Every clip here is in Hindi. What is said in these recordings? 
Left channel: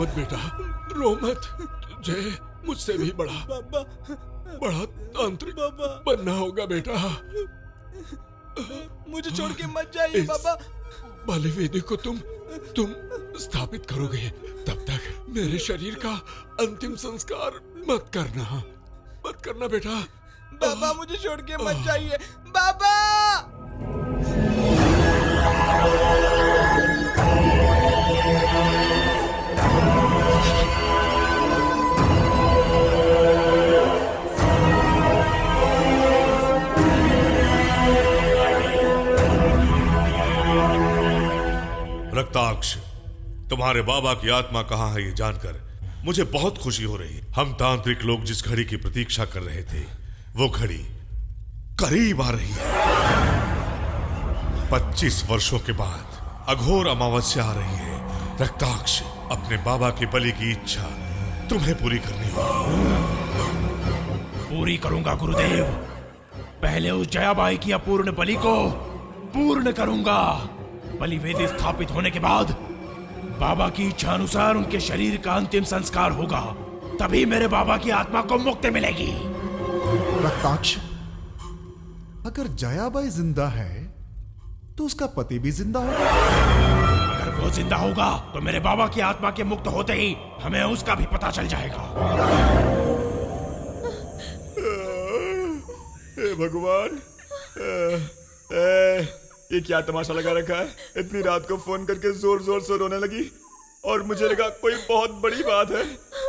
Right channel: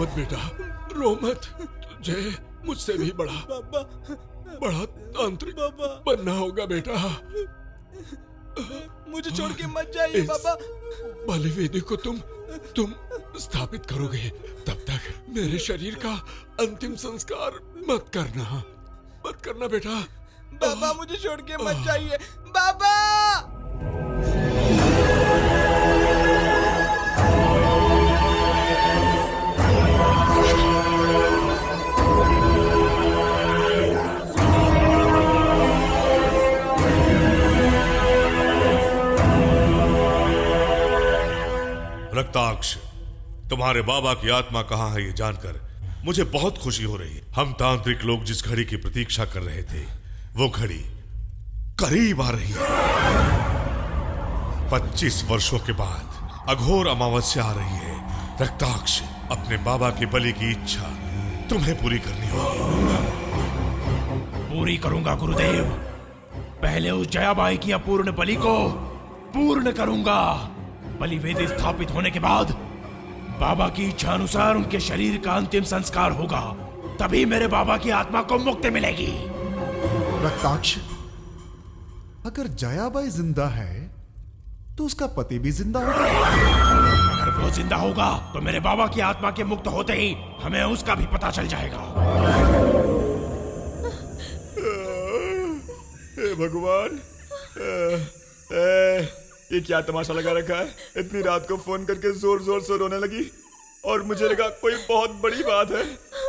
मत बेटा, रो मत। तुझे मुझसे भी बड़ा तांत्रिक बनना होगा बेटा। मुझे छोड़ के मत जाइए बाबा। बलि वेदी को तुम स्थापित करोगे, तब तक मेरे शरीर का अंतिम संस्कार मत करना बेटा। बाबा मुझे छोड़ के मत जाइए बाबा। रक्ताक्ष, तुम्हारे बाबा की आत्मा कहाँ है ये जानकर मुझे बहुत खुशी हो रही है। हम तांत्रिक लोग जिस घड़ी की प्रतीक्षा कर रहे थे, वो घड़ी करीब आ रही है। 25 वर्षों के बाद अघोर अमावस्या आ रही है। रक्ताक्ष, अपने बाबा के बलि की इच्छा तुम्हें पूरी करनी होगी। पूरी करूंगा गुरुदेव। पहले उस जयाबाई की अपूर्ण बलि को पूर्ण करूंगा। बलि वेदी स्थापित होने के बाद बाबा की इच्छा अनुसार उनके शरीर का अंतिम संस्कार होगा, तभी मेरे बाबा की आत्मा को मुक्ति मिलेगी। रक्ताक्ष, अगर जयाबाई जिंदा है तो उसका पति भी जिंदा होगा। अगर वो जिंदा होगा तो मेरे बाबा की आत्मा के मुक्त होते ही हमें उसका भी पता चल जाएगा। हे भगवान, ये क्या तमाशा लगा रखा है। इतनी रात को फोन करके जोर जोर से रोने लगी और मुझे लगा कोई बहुत बड़ी बात है।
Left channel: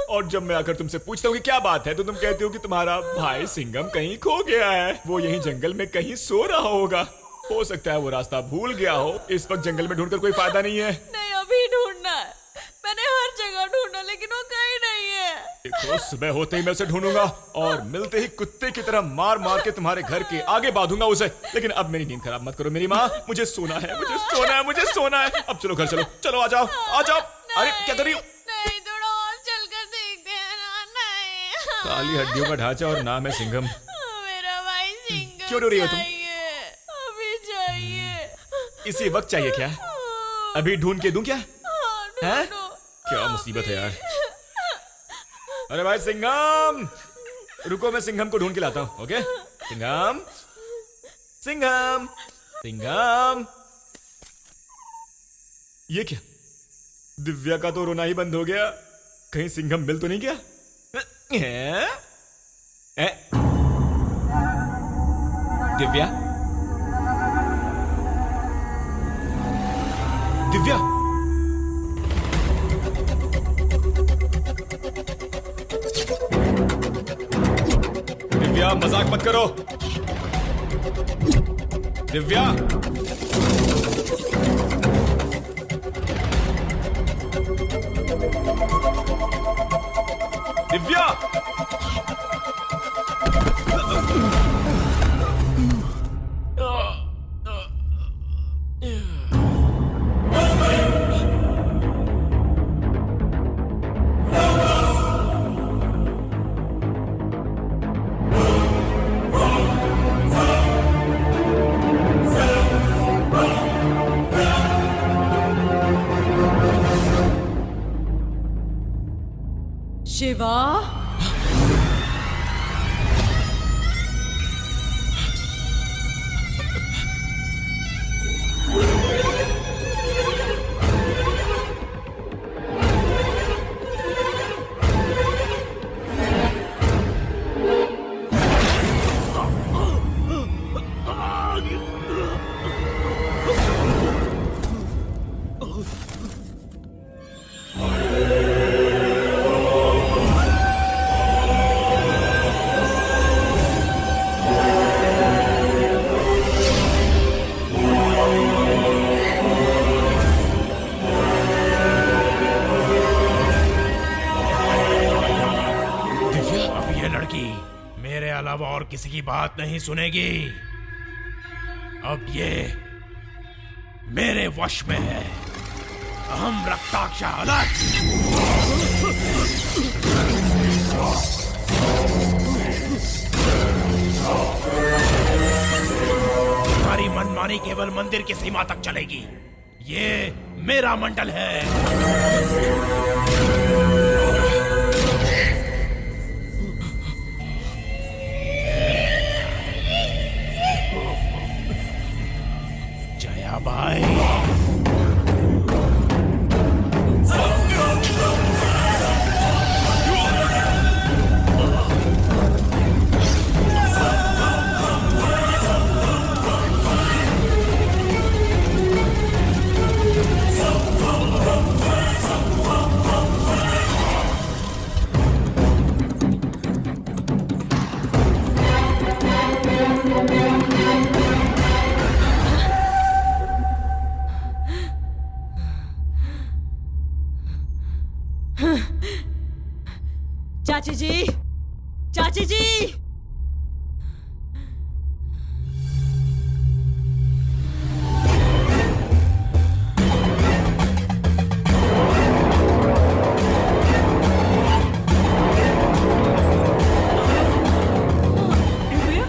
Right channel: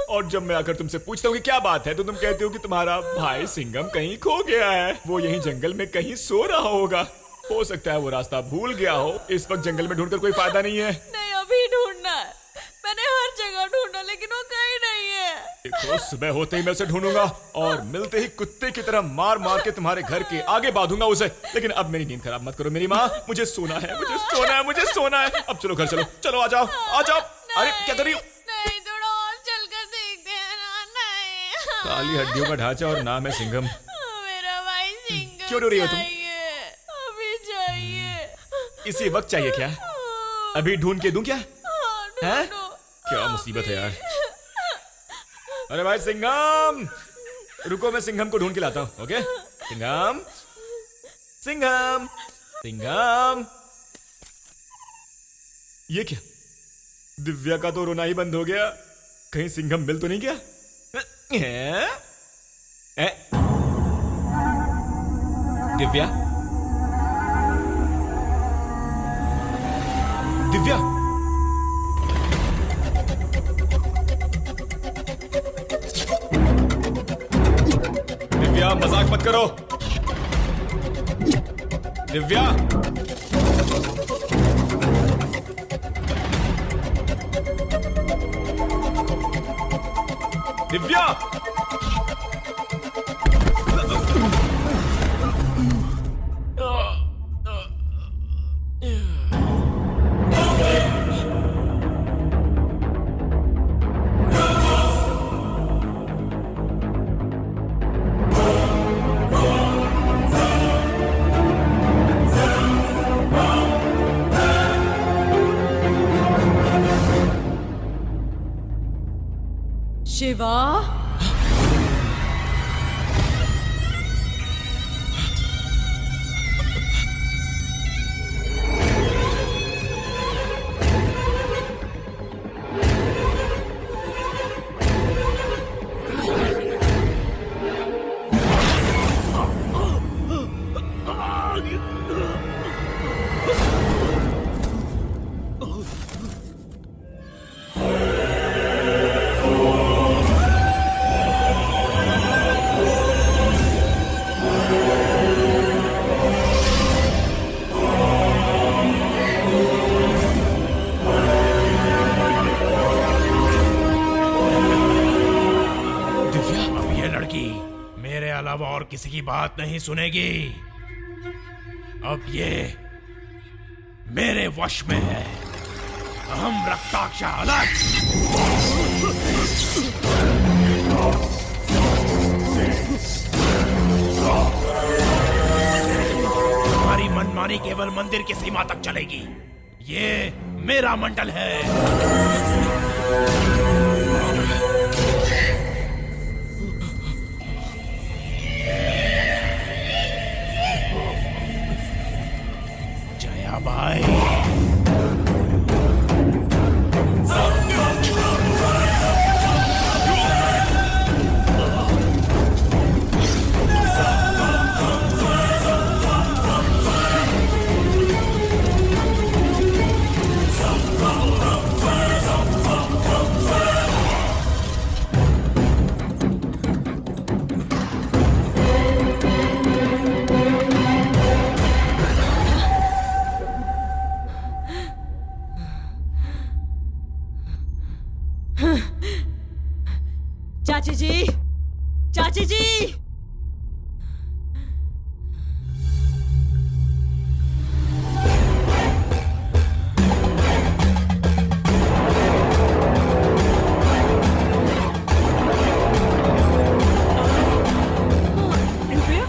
और जब मैं आकर तुमसे पूछता हूँ कि क्या बात है, तो तुम कहते हो कि तुम्हारा भाई सिंघम कहीं खो गया है। वो यहीं जंगल में कहीं सो रहा होगा। हो सकता है वो रास्ता भूल गया हो। इस वक्त जंगल में ढूंढकर कोई फायदा नहीं है। नहीं, अभी ढूंढना है। मैंने हर जगह ढूंढा लेकिन वो कहीं नहीं है। देखो, सुबह होते ही मैं उसे ढूंढूंगा और मिलते ही कुत्ते की तरह मार मार के तुम्हारे घर के आगे बांधूंगा उसे। लेकिन अब मेरी नींद खराब मत करो मेरी माँ। मुझे सोना है, मुझे सोना है, मुझे सोना है। अब चलो घर चलो, चलो आ जाओ, आ जाओ। अरे क्या कर रही हो? नहीं, थोड़ा और चलकर देखते हैं ना। नहीं, काली हड्डियों का ढांचा और नाम है सिंघम। मेरा भाई सिंघम क्यों रो रही हो तुम? अभी चाहिए। इसी वक्त चाहिए क्या? अभी ढूंढ के दूं क्या? हैं? ढूंढो। क्या मुसीबत है यार। अरे भाई सिंघम, रुको, मैं सिंघम को ढूंढ के लाता हूं। ओके सिंघम, सिंघम, सिंघम। ये क्या? दिव्या का तो रोना ही बंद हो गया। कहीं सिंघम मिल तो नहीं गया? दिव्या, दिव्या, दिव्या मजाक मत करो। दिव्या, दिव्या, शिवा, मेरे अलावा और किसी की बात नहीं सुनेगी। अब ये मेरे वश में है। अहम रक्ताक्ष अलग। तुम्हारी मनमानी केवल मंदिर की सीमा तक चलेगी। ये मेरा मंडल है। बाई। चाची जी, चाची जी, दिव्या,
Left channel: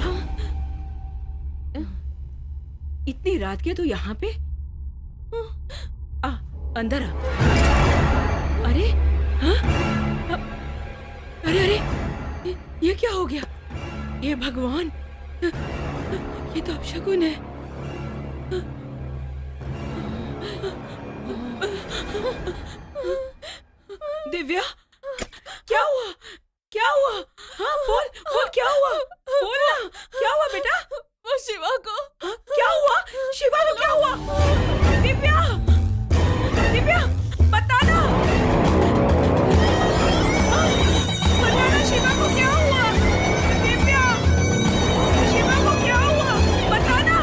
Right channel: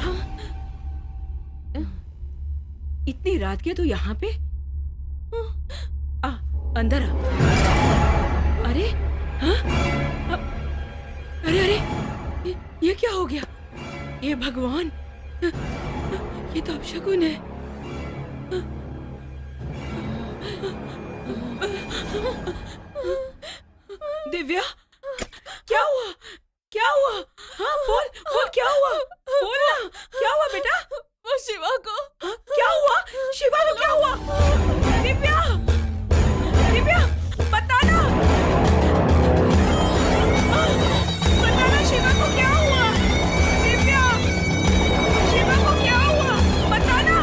इतनी रात के तू यहाँ पे? अंदर आ। अरे हाँ? अरे ये क्या हो गया? ये भगवान, ये तो अपशकुन है। दिव्या, क्या हुआ? क्या हुआ? हाँ बोल बोल, क्या हुआ? बोल ना, क्या हुआ बेटा? वो शिवा को। क्या हुआ? शिवा को क्या हुआ? दिव्या, दिव्या, बताना, बताना शिवा को क्या हुआ? दिव्या, शिवा को क्या हुआ? बताना।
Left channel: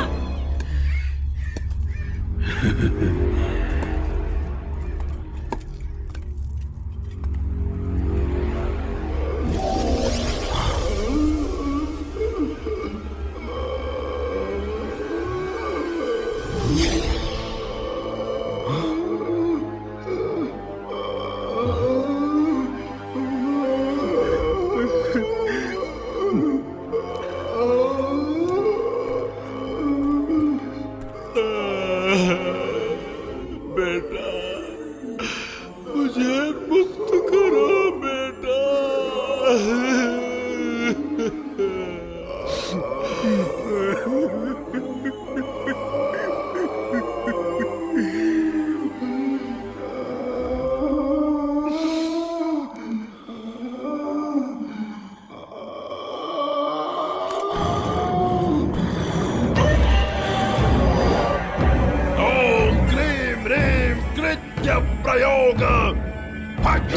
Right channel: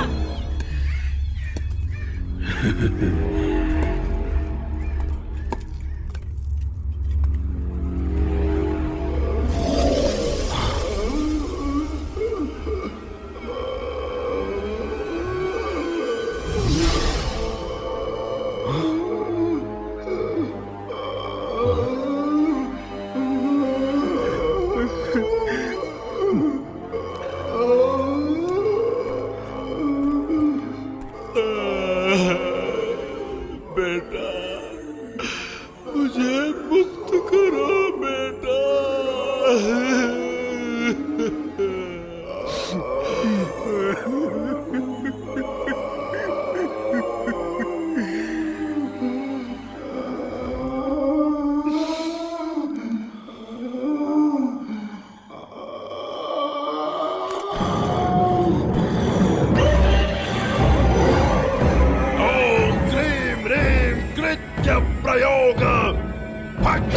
बेटा, मुझे मुक्त करो बेटा। ओम क्रीम ह्रीम कृत्य प्रयोग। फट!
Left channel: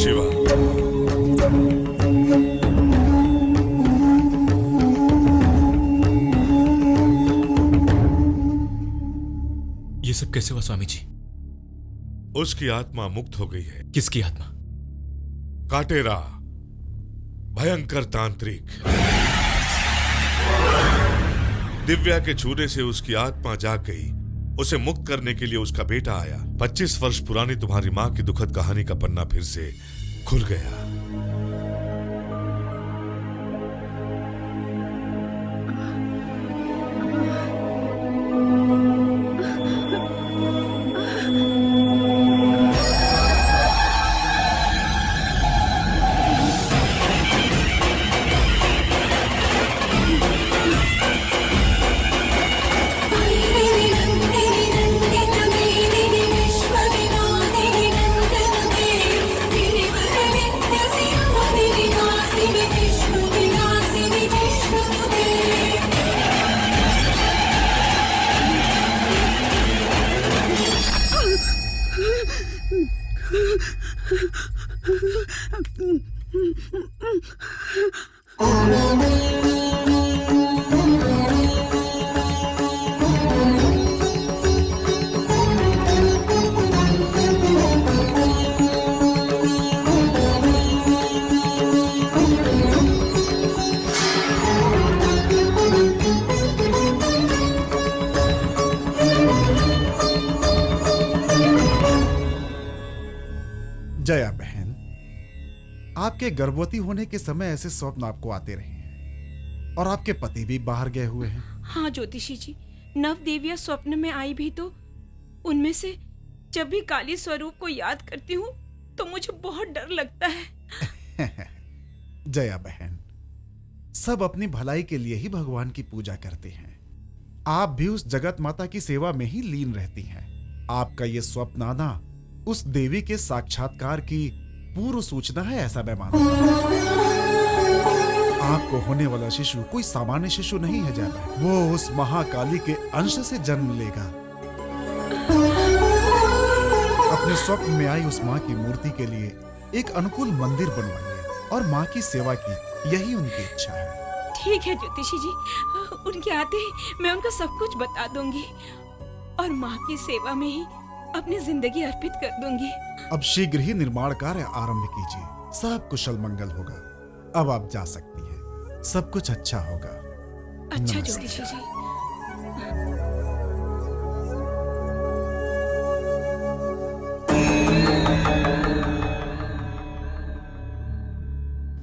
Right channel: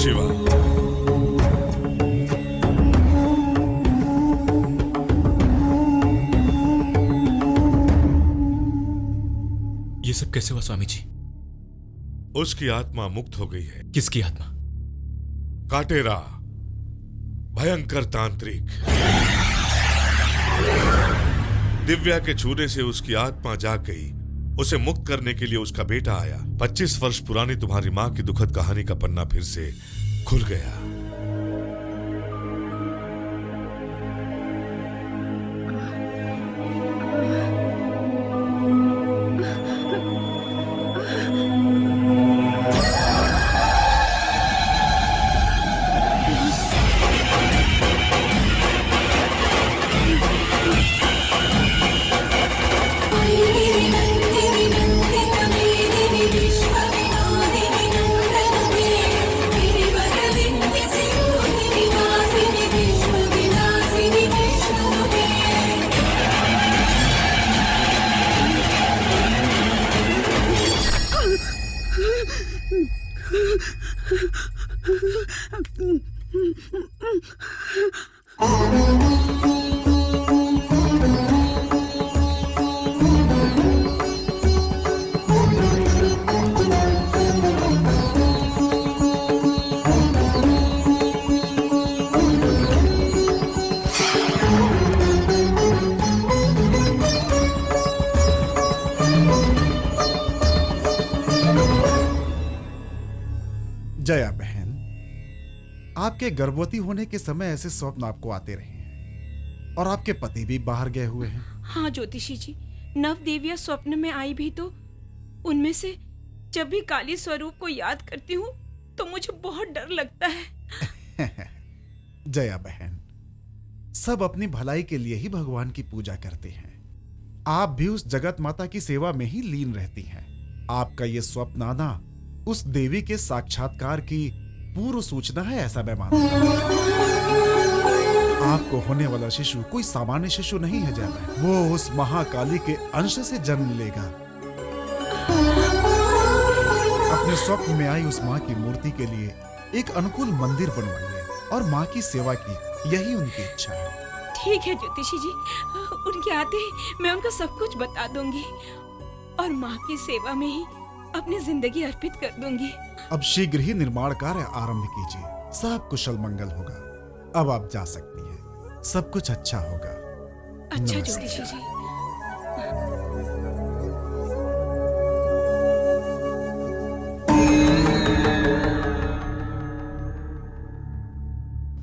शिवा, ये सब कैसे हुआ स्वामी जी? उसकी आत्मा मुक्त हो गई है। किसकी आत्मा? काटेरा, भयंकर तांत्रिक। दिव्या के छूने से उसकी आत्मा जाग गई। उसे मुक्त करने के लिए उसका बेटा आया। 25 वर्ष पुरानी तुम्हारी मां की दुखद कहानी का पन्ना फिर से खुल गया। विश्वविनादिनी नंदन गिरिवर विंध्य जया बहन, आपके गर्भवती होने के समय ऐसे स्वप्न आपको आते रहे हैं और आपके पति भी बाहर गए हुए हैं। हाँ ज्योतिषी जी, नव देवियां स्वप्न में आई भी तो उनमें से जब भी काली स्वरूप को याद करती हूँ तो मुझे बहुत डर लगता है। जया बहन, सब अपनी भलाई के लिए ही भगवान की पूजा करते हैं। आप भी उस जगत माता की सेवा में ही लीन रहती हैं। आपका ये स्वप्न आना उस देवी के साक्षात्कार की पूर्व सूचना है, ऐसा मैं मानता हूं। आपको होने वाला शिशु कोई सामान्य शिशु नहीं है जया बहन, वो उस महाकाली के अंश से जन्म लेगा। अपने स्वप्न में आई उस माँ की मूर्ति के लिए एक अनुकूल मंदिर बनवाइए और माँ की सेवा की, यही उनकी इच्छा है। ठीक है ज्योतिषी जी, उनके आते ही मैं उनको सब कुछ बता दूंगी और माँ की सेवा में ही अपनी जिंदगी अर्पित कर दूंगी। अब शीघ्र ही निर्माण कार्य आरंभ कीजिए, सब कुशल मंगल होगा। अब आप जा सकती हैं, सब कुछ अच्छा होगा। अच्छा नमस्ते। ज्योतिषी जी।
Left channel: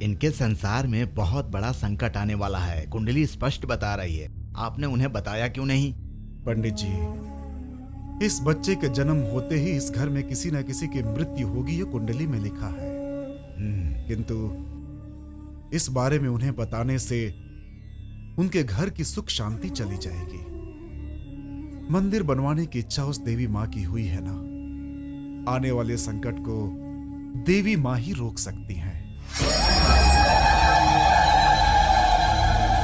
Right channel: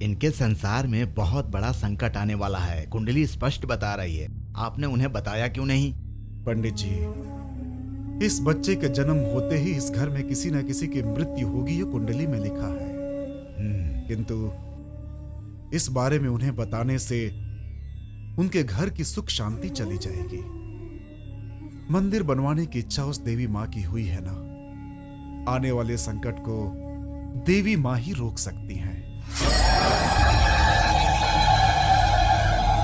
इनके संसार में बहुत बड़ा संकट आने वाला है, कुंडली स्पष्ट बता रही है। आपने उन्हें बताया क्यों नहीं? पंडित जी, इस बच्चे के जन्म होते ही इस घर में किसी न किसी की मृत्यु होगी, ये कुंडली में लिखा है। किंतु इस बारे में उन्हें बताने से उनके घर की सुख शांति चली जाएगी। मंदिर बनवाने की इच्छा उस देवी माँ की हुई है ना, आने वाले संकट को देवी माँ ही रोक सकती हैं।